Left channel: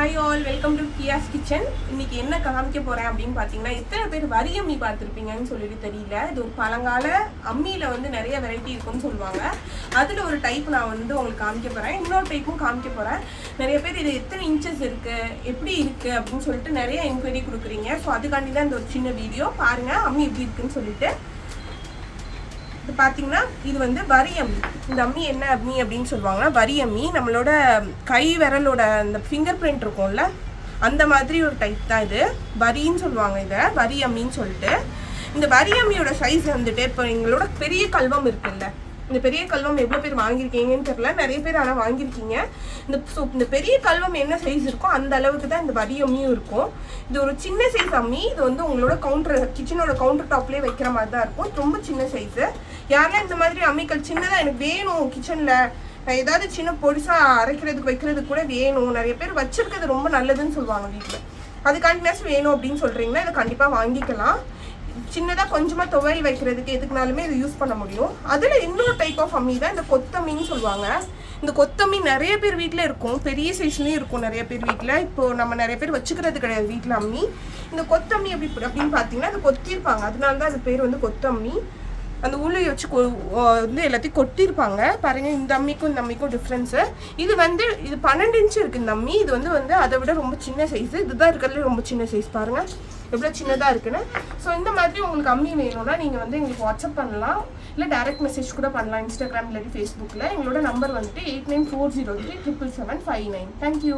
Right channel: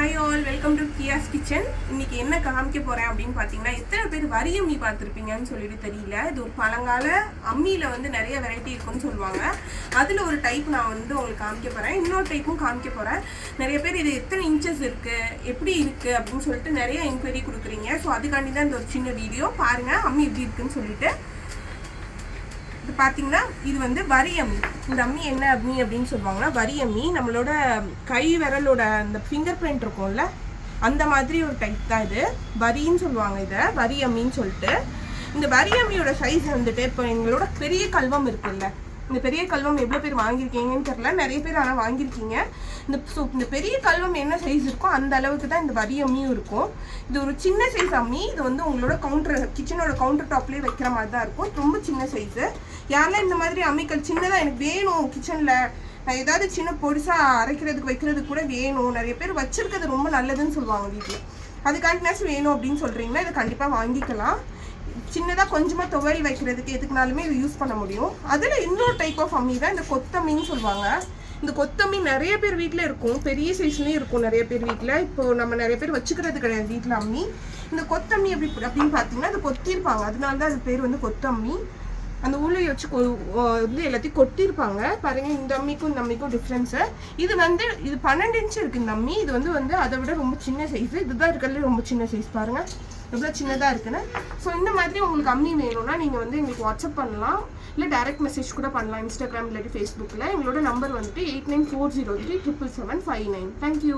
Hi all, welcome to கியாஸ் kitchen. இன்னைக்கு என்ன காமிக்க போகிறேன் அப்படின்னு பார்த்தீங்கன்னா, எத்தனை பேர் வரி அம்மி பார்த்துருப்பீங்கன்னு சொல்லிட்டு தெரியல. இது ஒரு பழங்கால அம்மியில் வந்து நிறைய வெரைட்டி இருக்குன்னு சொல்லுவாங்க. அதில் ஒரு டைப் நான் வந்து உங்களுக்கு காமிக்க போகிறேன். இன்னொரு டைப்பும் காமிக்க போகிறேன். நிறைய பேர் இது எத்தனை இன்ச்சஸ் இருக்குது, எப்படி இருக்குது அப்படின்னு சொல்லிட்டு நிறைய என்கொயரி கொடுக்குறீங்க. ஸோ அதுக்காண்டி தான் இந்த ஒரு சின்ன வீடியோ பாருங்கள், அம்மி எப்படி இருக்குன்னு சொல்லிட்டு. இது பார்த்தீங்கன்னா, இது வந்து வரி அம்மி. இந்த அம்மி என்ன அம்மி அப்படின்னு சொல்லுவாங்கன்னா, வரி அம்மி. நம்மளோட கை விரலோட அந்த ஃபிங்கர் பிரிண்ட் இருக்கும்ல, அந்த மாதிரி ஒரு டைப் தான் இது. வரின்னு சொல்லுவாங்க இதை, வரி அம்மின்னு சொல்லிட்டு. இந்த வரி அம்மியோட சைஸ் வந்துட்டு, இப்போ எங்களோட பெரிய கல்வம் இருக்குல்ல, இந்த பெரிய கல்வம் எவ்வளோ பேர் வாங்கியிருக்கீங்கன்னு தெரியல, நிறைய பேர் ஆனால் வாங்கியிருக்கீங்க. இந்த பெரிய கல்வம் என்ன சைஸ் இருக்கோ அந்த அளவுக்கு தான் இந்த வரி அம்மியும் இருக்கும். இது ஒரு சின்ன சைஸ் அம்மி. இது வந்து உங்களோட கிச்சனோட கவுண்டர் டாப்லேயே வைக்கிற மாதிரி தான் இருக்கும். ரொம்ப சின்ன சைஸு. யாரெல்லாம் இந்த மாதிரி அம்மிக்கல் சின்னதாக எனக்கு வேணும் கிச்சனில், ஏதாவது சின்ன பொடிசாக அரைக்கிறதுக்கு வைக்கிறதுக்கு கூட வேணும், நிறைய பேர் வச்சிருக்கிறது ரொம்ப நல்லதுன்னு சொல்லுவாங்க வீட்டில், அதுக்காண்டினாச்சு வேணும் அப்படின்னு சொல்கிறீங்கன்னா இதை கண்டிப்பாக வாங்கிக்கலாம். சின்னதாக கொஞ்சமாக துவையல் வைக்கிறதுக்கு எதுக்குனாலுமே இது யூஸ் பண்ண முடியும். அதில் இன்னொரு டைப் ஆஃப் அம்மி தான் இந்த கொத்தம்மின்னு சொல்லுவாங்க. இந்த கொத்தம்மி நிறைய பேர் வீட்டில் இருக்கும், பெரிய சைஸ்லேயும் இருக்கும் நிறைய பேர் வீட்டில். இப்போது நம்ம நிறைய பேர் வச்சுக்கிறது கிடையாது வீட்டில் அம்மி. இந்த கொத்தம்மி அப்படின்னு பார்த்தீங்கன்னா அது கொத்திருப்பாங்க, அதனால தான் அது பேர் வந்து கொத்தம்மி. அந்த உளி வச்சு வந்து எல்லாத்தையும் கொட்டியிருப்பாங்க பாருங்க. இந்த அம்மிக்கும் இந்த அம்மிக்கும் டிஃப்ரென்ஸு. இது 12 இன்ச்சு இருக்குது இந்த அம்மி. இது வந்து அதை விட ரொம்ப சின்ன சைஸு. இதுதான் இருக்கிறதுலே ரொம்ப சின்ன சைஸ். பாருங்கள் எவ்வளோ சின்னதாக இருக்குன்னு. ஸோ இந்த மாதிரி உங்களுக்கு அம்மி வேணும்னா நீங்கள் வந்து எங்களுக்கு வாட்ஸ்அப் பண்ணலாம், இல்லை டைரக்ட் மெசேஜ் கூட பண்ணலாம் இன்ஸ்டாகிராம் இல்லாட்டி ஃபேஸ்புக்கில். எங்களோட நம்பர் வந்துட்டு 8940377759. தேங்க்யூ.